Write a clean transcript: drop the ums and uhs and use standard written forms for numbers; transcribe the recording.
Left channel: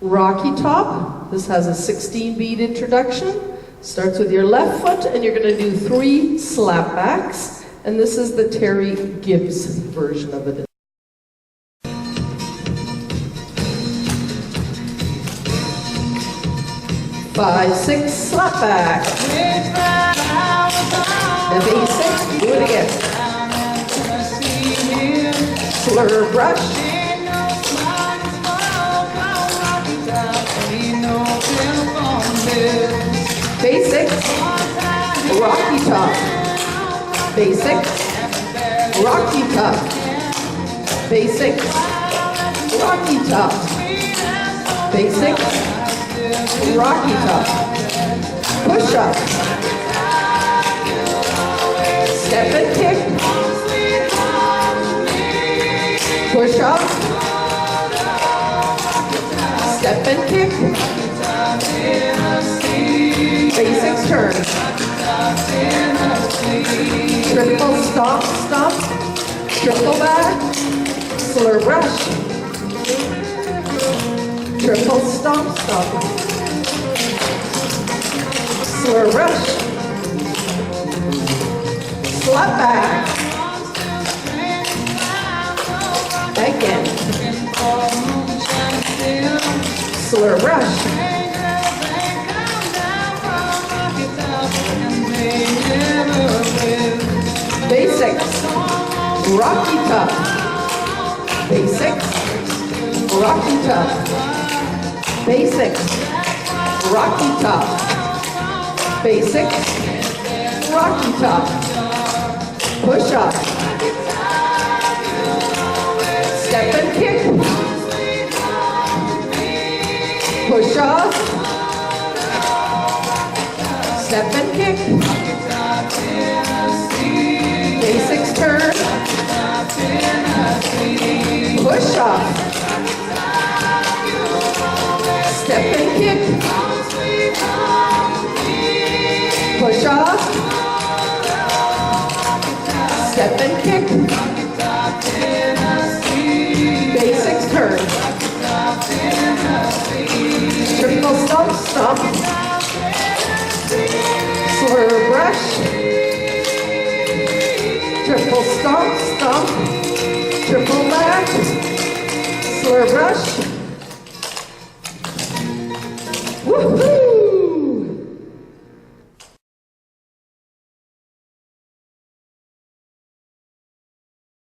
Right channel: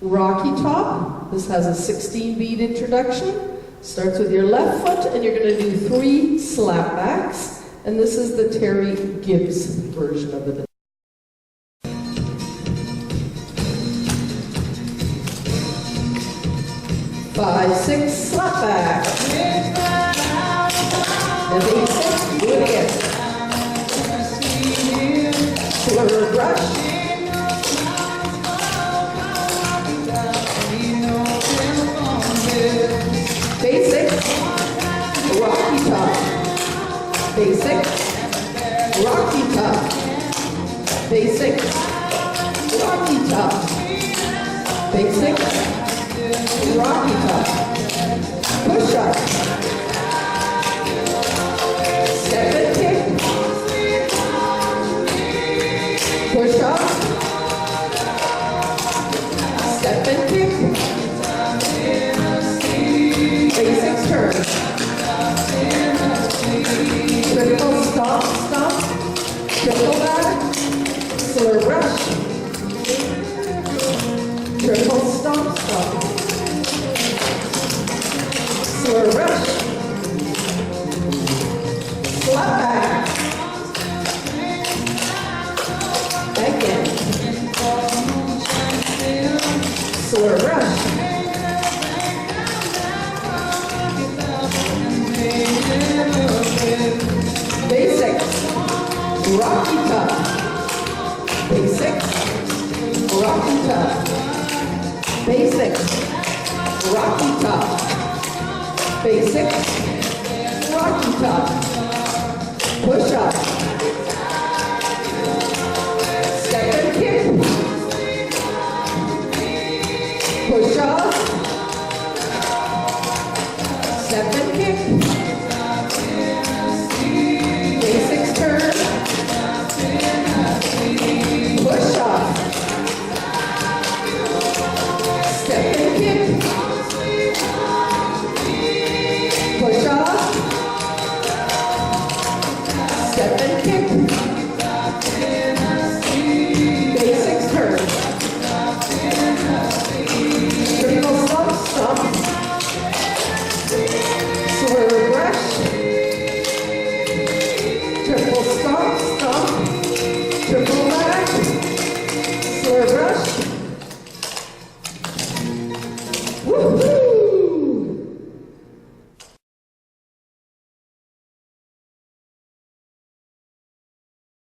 Rocky top. This has a 16 beat introduction. Starts with your left foot, and you're going to do 3 slapbacks. And this is the Terry Gibbs version of it. 5, 6, slapback. And 8, 6, do it again. Slur brush. Basics, rocky top. Basics, rocky top. Basics, rocky top. Basics, rocky top. Push up. Step and kick. Push up. Step and kick. Basics turn. Triple stomp, stomp. Triple back. Slur brush. Triple stomp, stomp. Slur brush. Slap back. Again. Slur brush. Basics, rocky top. Basics, rocky top. Basics, rocky top. Basics, rocky top. Push up. Step and kick. Push up. Step and kick. Basics turn. Push off. Step and kick. Push off. Step and kick. Basics turn. Triple stomp, stomp. Slur brush. Triple stomp, stomp.